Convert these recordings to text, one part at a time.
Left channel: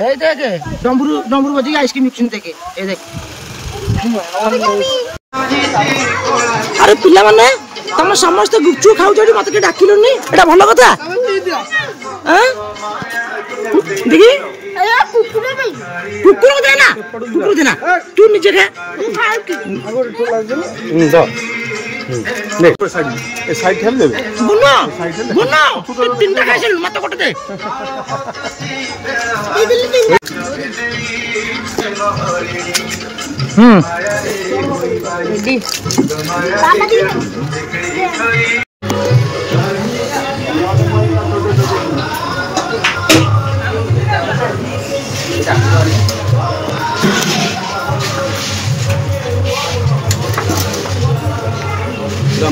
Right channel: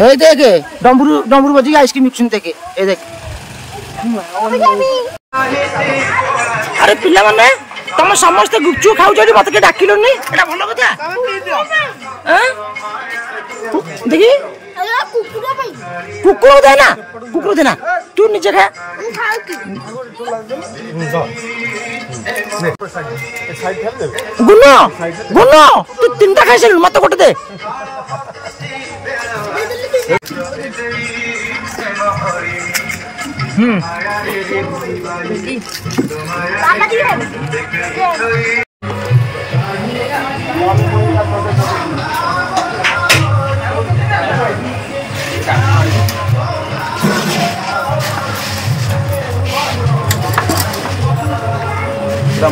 हे देखे डमरू डमरू बजी आइसक्रीम मिक्सिंग देखे ए देख अरे पिला माने तुम समस्त गुपचुप खाऊ जड़ी मत के डाकिलोनी एटा भलो कथा हां देखी कुकुर देना तू नीचे खा गुनो गुनो तू तीनटा खाइस मत गोटे दे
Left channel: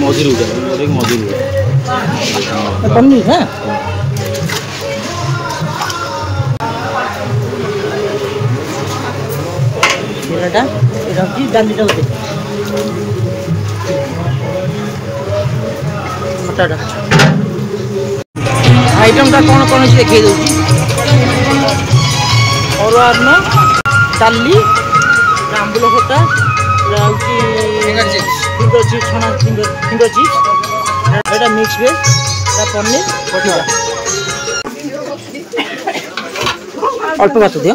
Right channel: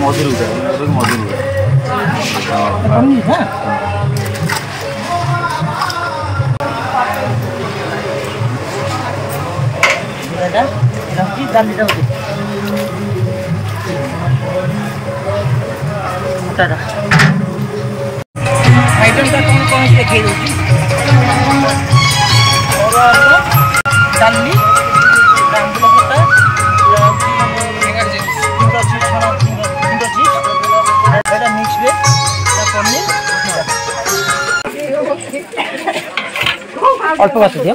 मधुर मधुर पनीर हाँ डाली खटाटा आइटम कौन कौन देखिए अरुआ अन्न डाली आंबुल खटा फिंगर चिप्स छना फिंगर चिप्स एटा मिक्स वेज एटा पनीर बटीरा अल्प बात दियो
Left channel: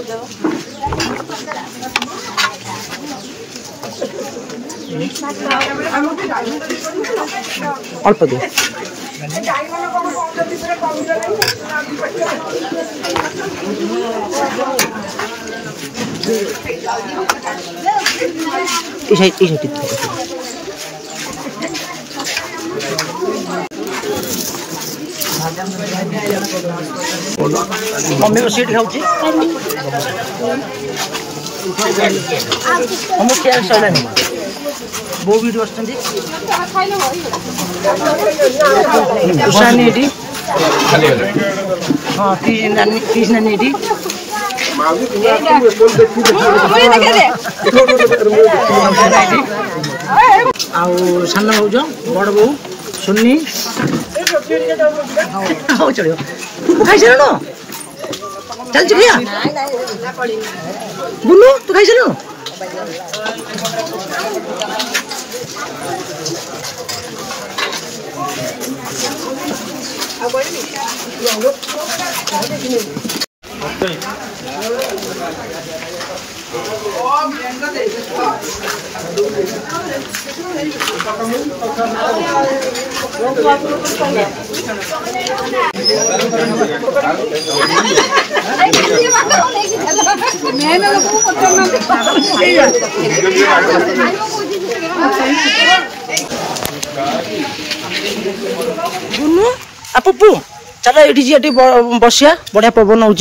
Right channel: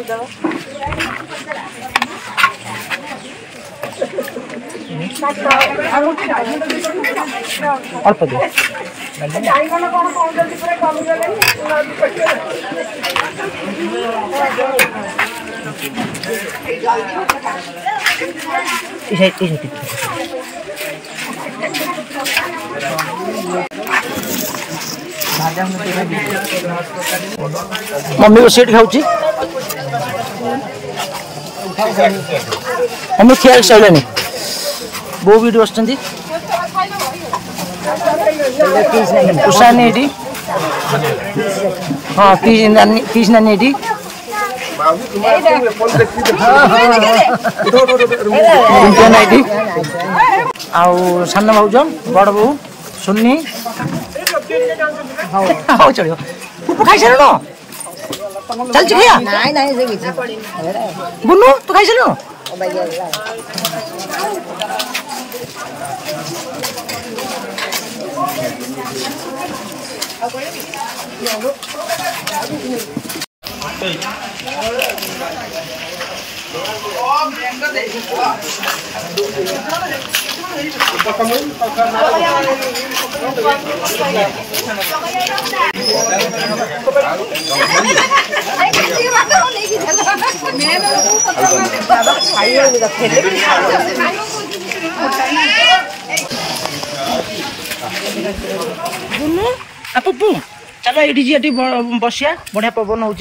अल्प दियो मम्मी को सीट खाऊची मम्मी खिया सारे बो भी बसती उषानी हाँ किस नानी आउ सान भाज बड़ बो सुन्नी हाँ चलो तू खाई सारे चल खाया बुनू तू खाई सारे बुनू आ पुप्पू चल ये बसिया बढ़िया पवन हो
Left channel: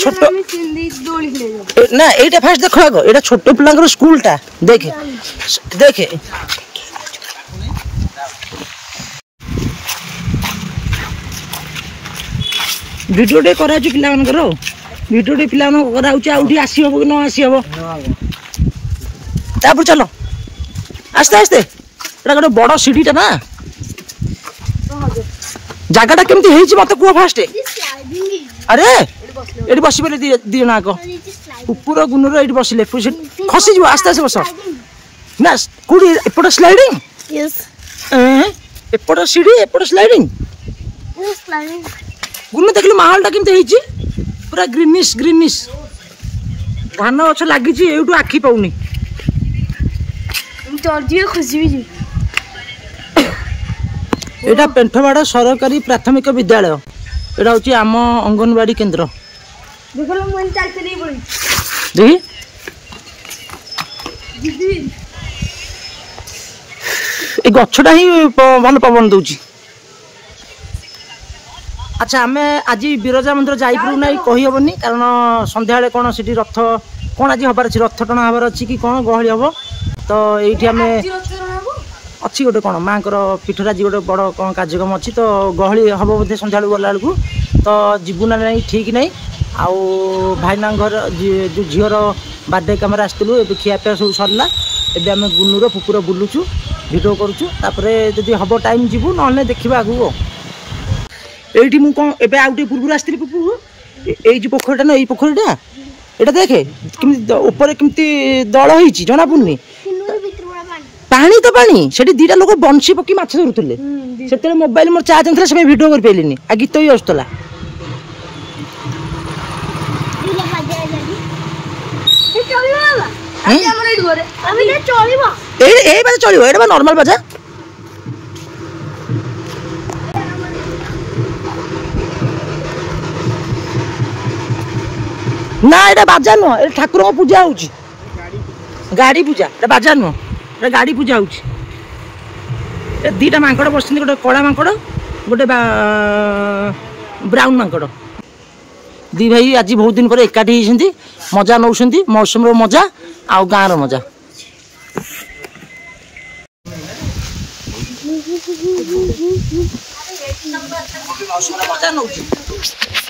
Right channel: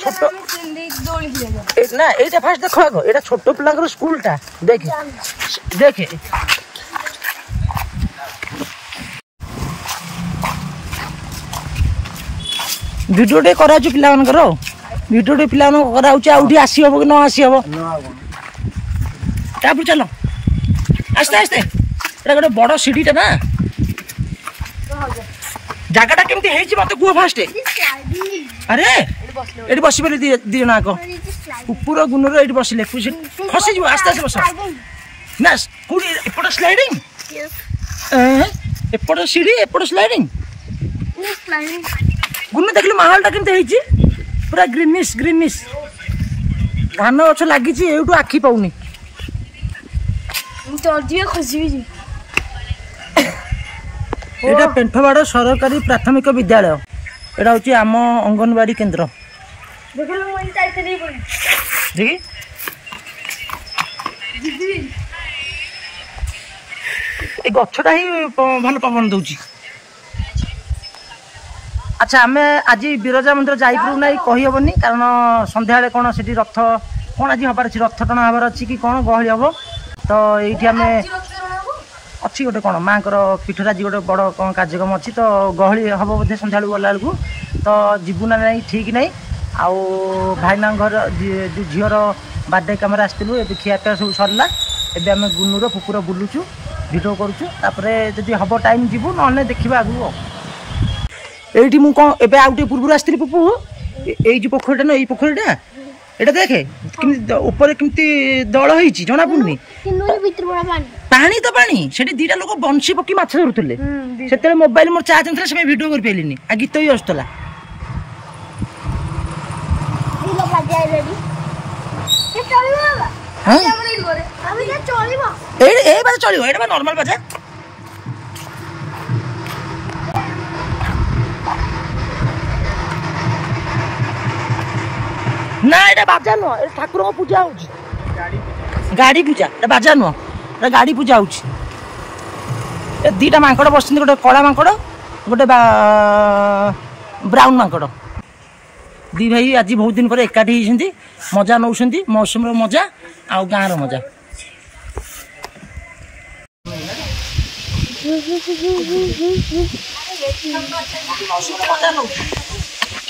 छोट ना ये फास्ट देख आग ये छोट पिला स्कूल टा देखे देखे वीडियो टे करा पिला वीडियो टे पिला करा आसी हम कि न आसी हम तापर चलो आस्ते आस्ते गोटे बड़ सीढ़ीटा ना जगह केमती मत कह फास्ट अरे ये बस दी जन आग ऊपर गुनर ये बसले खसी आस्ते आस्ते बस ना कौटी एपट स्लाइडिंग एपट सीढ़ी एपट स्लाइडिंग गुन देख माहौल केमती पूरा ग्रीनिश ग्रीनिश धान गछ लगी आखि पाऊनी यहाँ पेंठवाड़ सरकारी प्राथमिक विद्यालय यहाँ हूँ आम अंगनवाड़ी केन्द्र गछटा ही भल पवन दौर। अच्छा आम आज बिरजा मंदिर जापरू ना कहीहबनी कारण संध्या कौन सी रथ कौन आज हबार अच्छी रथ टणा हबार अच्छी कि कौन गहली हम तो ये आम अच्छी गोटे कौन माँ पीठर आज गोटे बड़ कौन कार्यक्रम अच्छी तो गहली हम बोधे संध्या गला बेलू तो जीवु ना नहीं ठीक नहीं आउ भाईना घर जो झीर बर्थडे कम आसलु ए खियापिया सब सरला एबे आम गुनुर पुपुर बुलुचु भिडियो करुचु तापर जदि हम टाइम जीवु ना देखा आगू এইটি ମୁଁ କ'ଣ ଏବେ ଆଉ ଟିକେ ପୂର୍ବରୁ ଆସିଥିଲି ପୁପୁ ଏଇ ଯେଉଁ ପୋଖରୀଟା ନା ଏଇ ପୋଖରୀଟା ଏଇଟା ଦେଖେ କେମିତି ଉପରେ କେମିତି ଦଳ ହେଇଛି ଜଣା ପଡୁନି ପାଣି ତ ପାଣି ସେଠି ଦିଟା ଲୋକ ବଂଶୀ ପକି ମାଛ ଧରୁଥିଲେ ସେତେବେଳେ ମୋବାଇଲ ମୋର ଚାର୍ଜ ନଥିଲା ସେ ଭିଡ଼ିଓ କରିପାରିଲିନି ଆଉ ଗୀତ ବି ଆସୁଥିଲା ଏଇ ବାଜା ଚଳିବ ଏଇଟା ବା ନର୍ମାଲ ବାଜା ନା ଏଇଟା ବାଜା ନୁହଁ ଏଇଟା ଠାକୁରଙ୍କ ପୂଜା ହଉଛି ଗାଡି ପୂଜା ଏଇଟା ବାଜା ନୁହଁ ଏଇଟା ଗାଡି ପୂଜା ହଉଛି ଏ ଦିଟା ମାଙ୍କଡ ବସିଛନ୍ତି ଗୋଟେ କଳା ମାଙ୍କଡ ଗୋଟେ ବ୍ରାଉନ ମାଙ୍କଡ ଦି ଭାଇ ଆଜି ବହୁତ ଦିନ ପରେ ଏକାଠି ହେଇଛନ୍ତି ମଜା ନଉଛନ୍ତି ମୌସୁମୀର ମଜା ଆଉ ଗାଁର ମଜା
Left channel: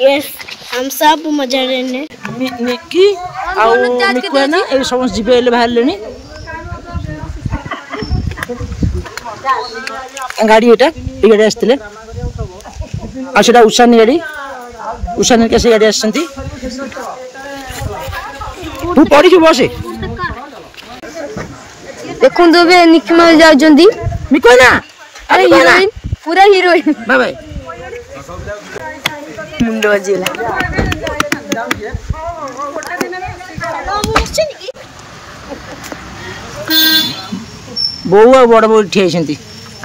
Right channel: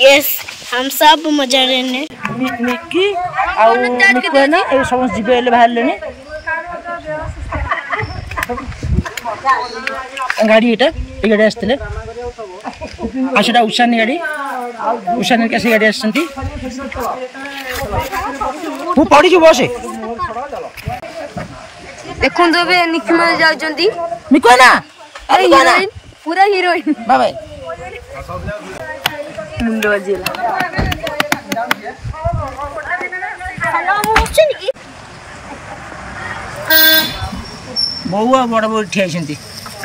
यस हम सब मजा लेने निकी आउ मिकु है ना ए समस्त जीवे एले बाहर लेनी गाड़ी एटा ए गाड़ी आस्तिले आ सेटा उषानी गाड़ी उषानी के से गाड़ी आसछंती तू पड़ी जो बसे देखुन तो बे निकी में जाउजंदी मिकु है ना अरे हीरोइन पूरा हीरोइन बाय बाय बहु आ बड़ बड़ ठिया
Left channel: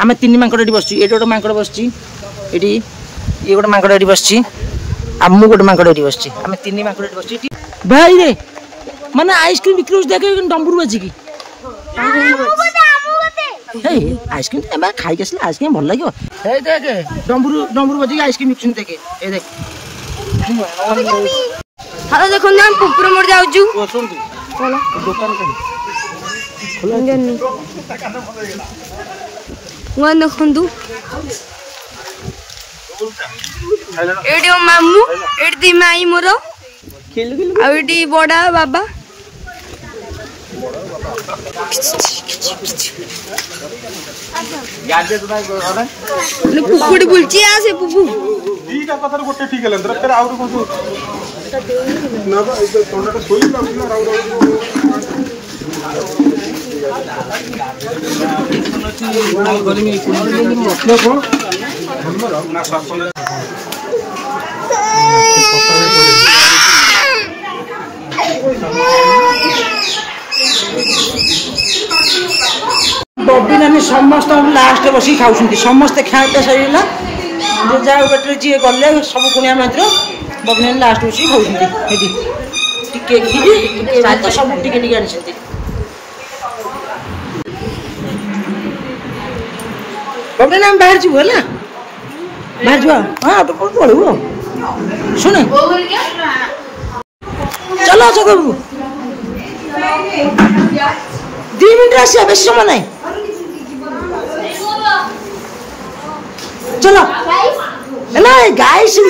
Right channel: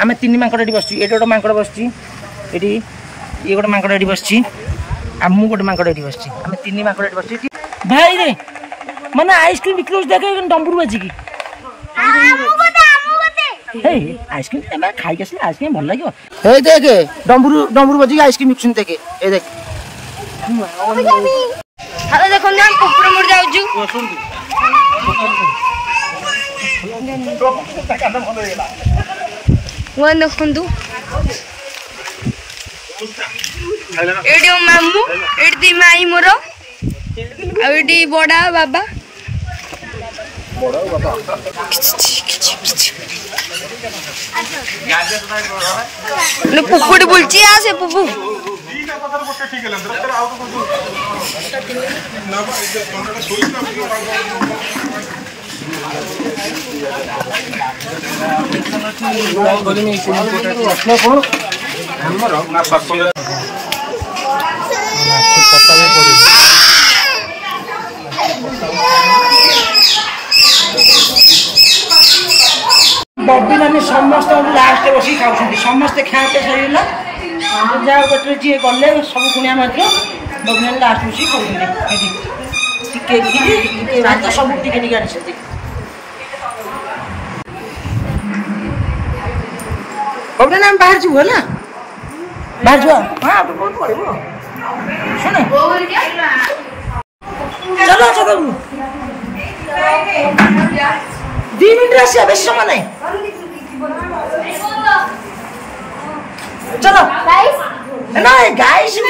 आम तीन मांकड़ ये बस ये गोटे मांकड़ बस ये गोटे मांकड़ ये बस मु गोटे मांकड़ ये बस आम तीन मांकड़ ये बस भाई रे माने आइसक्रीम बिक्री देखे डंबरू बाजिकी आइसक्रीम खाई आसले आइसक्रीम भल लगे देखे डंबरू डंबरू बजी आइसक्रीम बिकुन देखे देख हेलो देखो ना हम पुपुर मोर जाउजु वन देखंदु एडी मामू एडी माई मोर आ एडी बड़ा बाबा पुपुड़ी बुलची आसे पुपु ठीक है कथार गोटे ठीक है लंदर तर आउर को ना ए तोनटा सोई ना बबी नानी समस्त लास्ट बस खाऊ समस्ते खाए सरीला जहाँ पेटे जी गले सब कुणिया मात्र बबी नानी लास्ट बस खाऊ भात सब टिके टिके आनी बबी नानी बाहर जीव है बाहर जा हाँ पढ़ू सुन चलो अच्छा बाबू 2 मिनट आसिया बेस समय नहीं चलो ना गाय चलो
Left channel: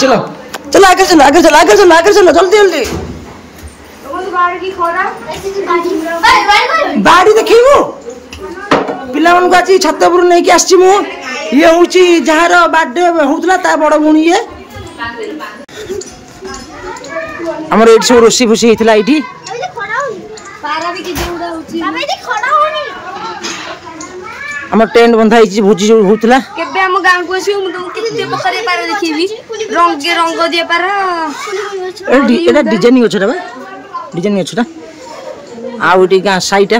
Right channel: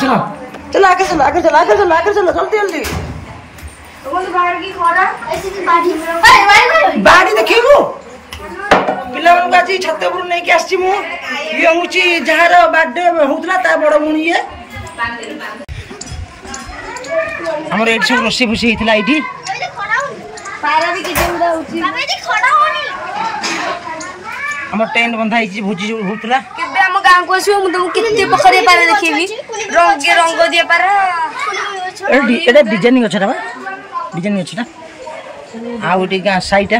चलो चलो आगे चलो आगे चलो आगे चलो आगे चलो जल्दी जल्दी बाड़ी देखू पिला मानक आज छतपुर नहीं आसी मु ये हूँ जार बर्थडे होता ता बड़ भूणी ये हमर एट सब रोसी फुसी होता ये आम टेंट बंधा भोजी जो होता केबे हम गांव को आसो मु तुम किते पखरे पारे देखिबी रंग रंग दिए पारे एटा डिजाइनिंग छटा बा डिजाइनिंग छटा आ ओटी गां साईटा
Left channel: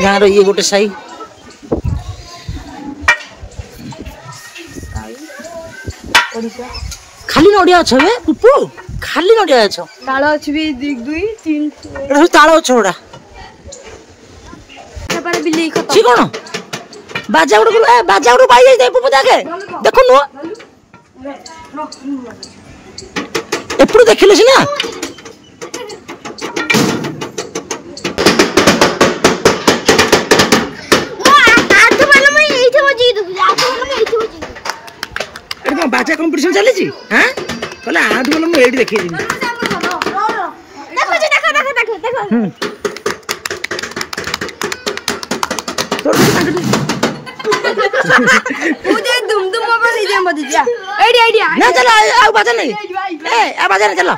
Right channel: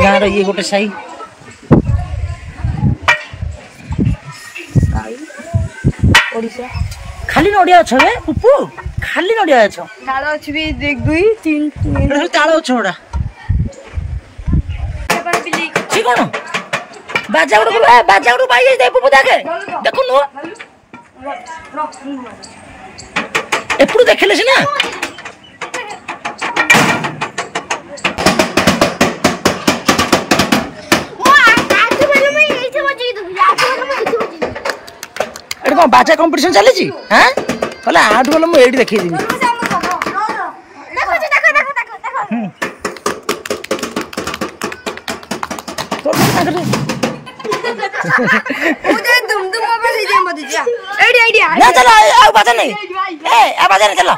गां रो ये गोटे साई खाली नडिया छ बे पुपु खाली नडिया छ ताळ अछि बे 1 2 3 सब ताळ छोड़ा पर बिल्ली ठीक कोन बाजा गुड पाई जाई पुपु देखे देखो नो एपुरु देखले छी ना एटा बाजा कंपटीशन चली छी हां कहला आठ बोल मु एडी देखै दिमी देखो मुझे दुम वापस इधर मत जा आइडिया ना चलो आ बात नहीं आ बात नहीं चलो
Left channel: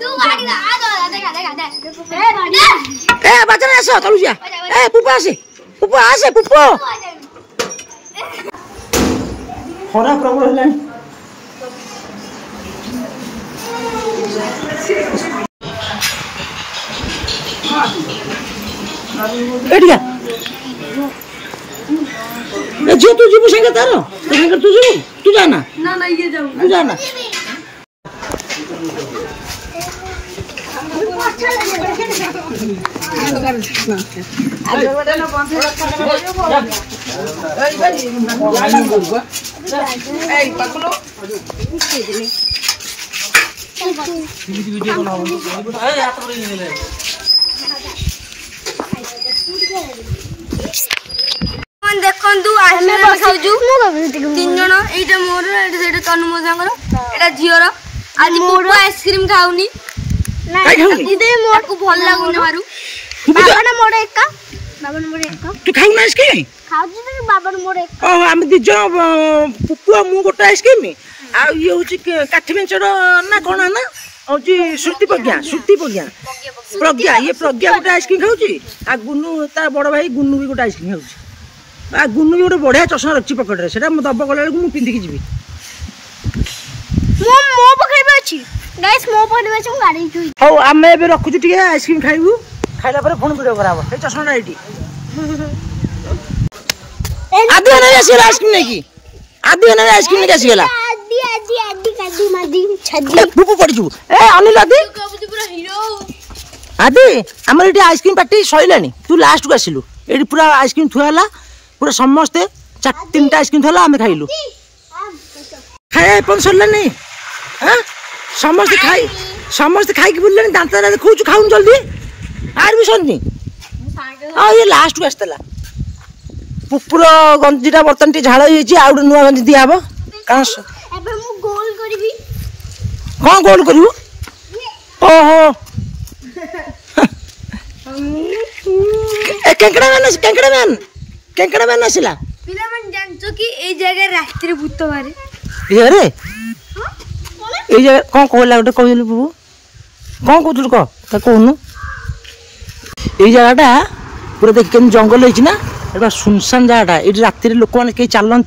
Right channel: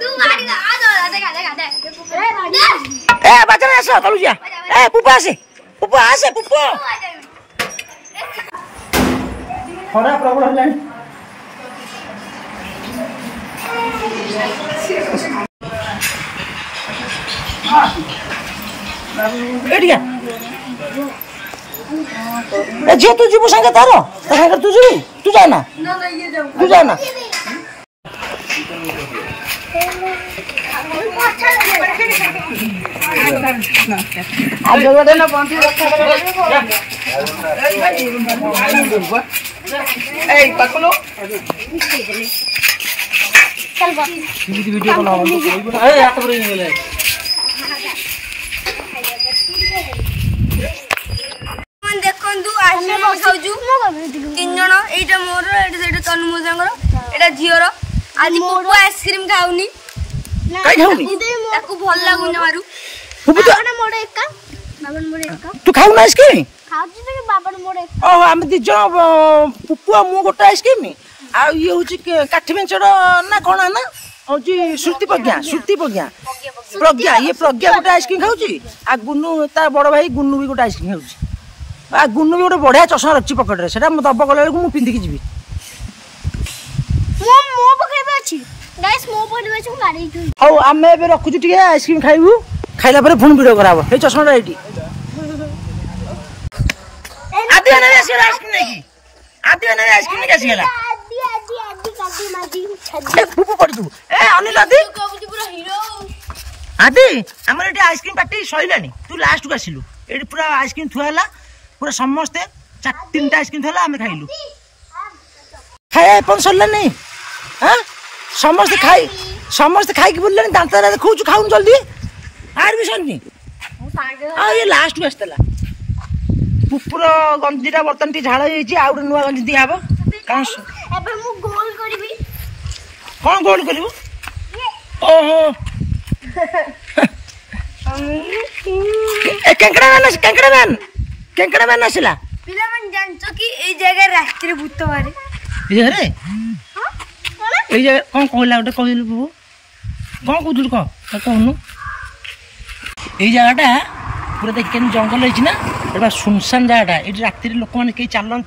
तू गाड़ी का आ देखा ए बात नहीं आसो चलू जा ए पुपु आसे पुपु खरा प्रबल हेलानी एडिया ए जो तू जीव संगे तारो तो संगे तू जीव तू जाना ना ये जाऊं तू जाना देखु आइसक्रीम खाऊ तीन जन ये मोर ये तनु मोजांगर एटा झीर आज मोर आइसक्रीम खाऊनी भल लगुन मारू तू खाऊ ना आइसक्रीम ओह आम दी जन पुपु मु गोटे आइसक्रीम आ ये होची काठी बेंचर ना कोन ना होची श्रुति प्रज्ञा ये प्रज्ञा गोटे आइसक्रीम खाऊची आ गुन्नू ता बड़ भाई गुन्नू भी गोटे आइसक्रीम खाऊची आ गुन्नू भी गोटे बढ़िया चश्मा रखी पकेट रे सेटा मु दब गला मु पिंदी की जीवी मो पकड़े पे अछि गाइस मो पकड़े पे हम गाड़ी जोई हौ आमे बे रखु टिके आइसक्रीम खाइबू खाइला परे फोन वीडियो कराबो हे चश्मा राइटी आदि नहीं आसीला आइसक्रीम नहीं की आदि नहीं आइसक्रीम नहीं आसीला आदि मादी छदी पुपु पड़ी जू ए अनिल आदि पूरा हीरो आदि हमर एटी आइसक्रीम पार्टी सइलानी तू लास्ट को आसिलु एटी पूरा आइसक्रीम थुआला पूरा समस्त तीनटा आइसक्रीम थला हमें खाइलु खाए पन सरला नहीं हां समस्त खाई के बोलले दांत रे देखौ खाउन जल्दी आर भी सन्नी आ ये लास्ट को आस्तला पुपुर गंजीटा बर्तन टी झाड़ होईची आ नुआ गंजी दिया हबो कान एबर मु गोल करबी कौन गोल करू ओहो ए केंकड़ा मैन आसिला पिला मन जानछो कि ए जगह रात्रि भूत मारे ये रे ए जगह कौन कहला गोटे कहलु बाबू कौन कहतु क त कहनु ए जगहटा पूरा देख केन जंगल होईची ना एटा सुनसान जगहटा ए रात्रि रे लोक माने के चालन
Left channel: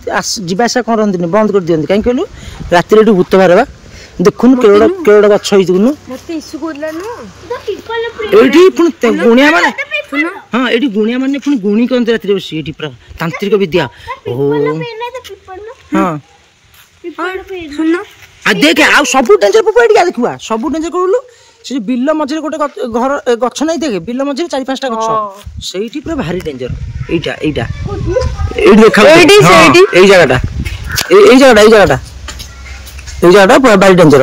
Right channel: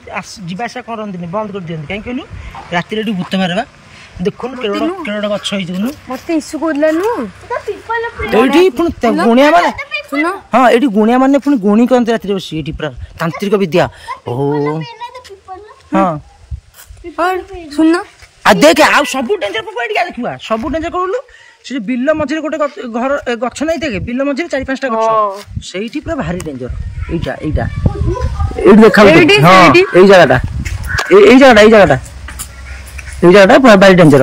जीवासा करंदिनी बंद कर दियंती काई कहलु रात्रि रे भूत बाहरबा देखुन केड़ोड़ा गछ होई दुनु मते इसु कोदलानु तो पीपल प्रे एठी पुन गुणिया माने हां एठी गुणिया माने पुन गुणी करंती रात्रि रे बसी एठी पूरा तांत्रिक विद्या ओहो हां सुन आ देख आ सब डेंजर पुपु एठी देखुआ सब डेंजर करलु से बिल्लो मझिरे गोटे घर गछ नहीं देखे बिल्लो मझिरे 4-5टा गछ सेठी पूरा भारी डेंजर एटा एठी देखा हां एई जगहटा एई जगहटा पूरा भारी डेंजर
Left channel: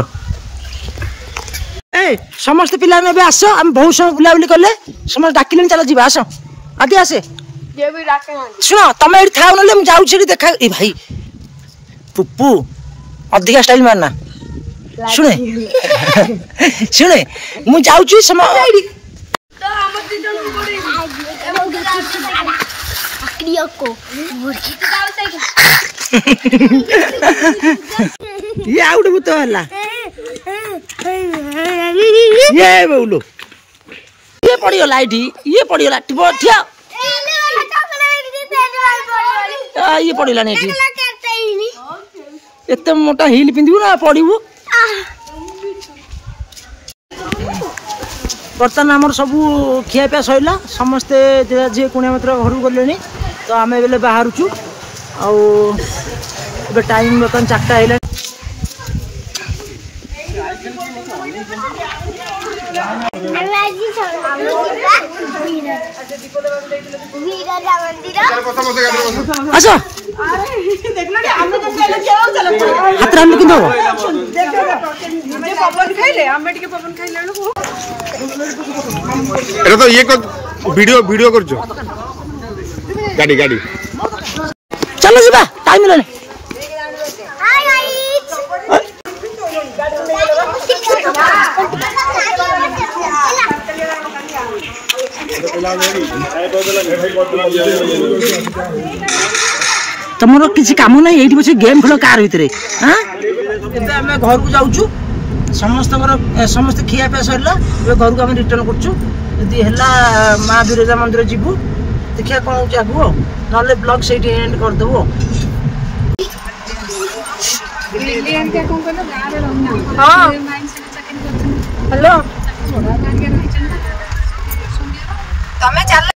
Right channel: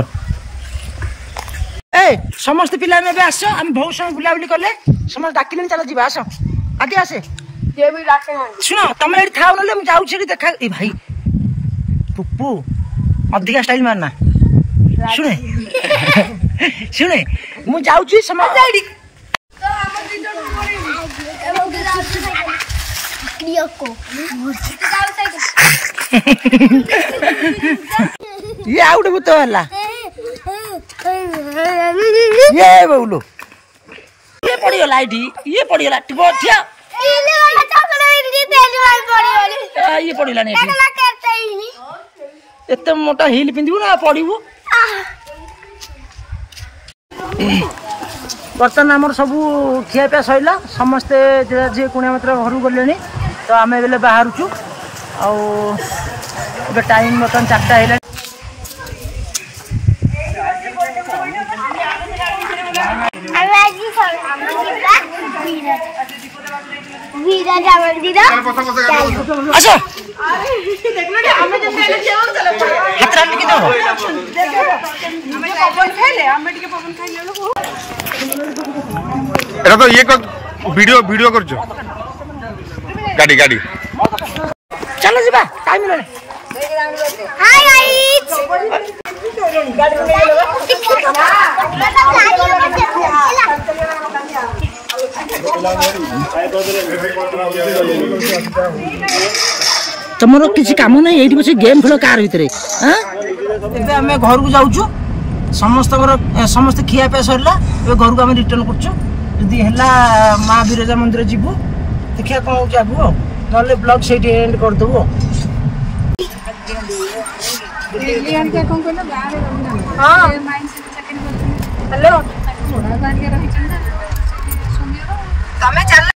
ए समस्त पिला में आस हम बहुत समय बुलाबुली कले समस्त डाकिले चलो जीवा आस आदि आसे सुनो तुम ये था ना जाऊँ देखा ए भाई पुप्पू अधिका स्टाइल मारना शुणे शुणे मु जाऊँ समय ये आउट भूत वाला ये बोलो ये पड़ीगला ये पड़ीगला ठिया ये पड़ीला नहीं एत मोटा हिल पिंधु ना पड़ू बर्तमान आमर सब खियापिया सैला समस्ते जे कुणिया मित्र घर गले तो आम बेले बाहरुचु आउ टाइम बर्तमान 4टा है अच्छा हाथ रानी कि तो ये वीडियो कर गाड़ी गाड़ी चलो जीवा टाइम नहीं तुमर किसी काम ना ये बस गेम खेल कार भितर हाँ आम घर को जाऊँ समस्त खियापिया सरला घर को आम रिटर्न करुदी है माँ बिरजा मंदिर जीवु देखिए कौन हो आगू ना ब्लॉग से एंड करदेबू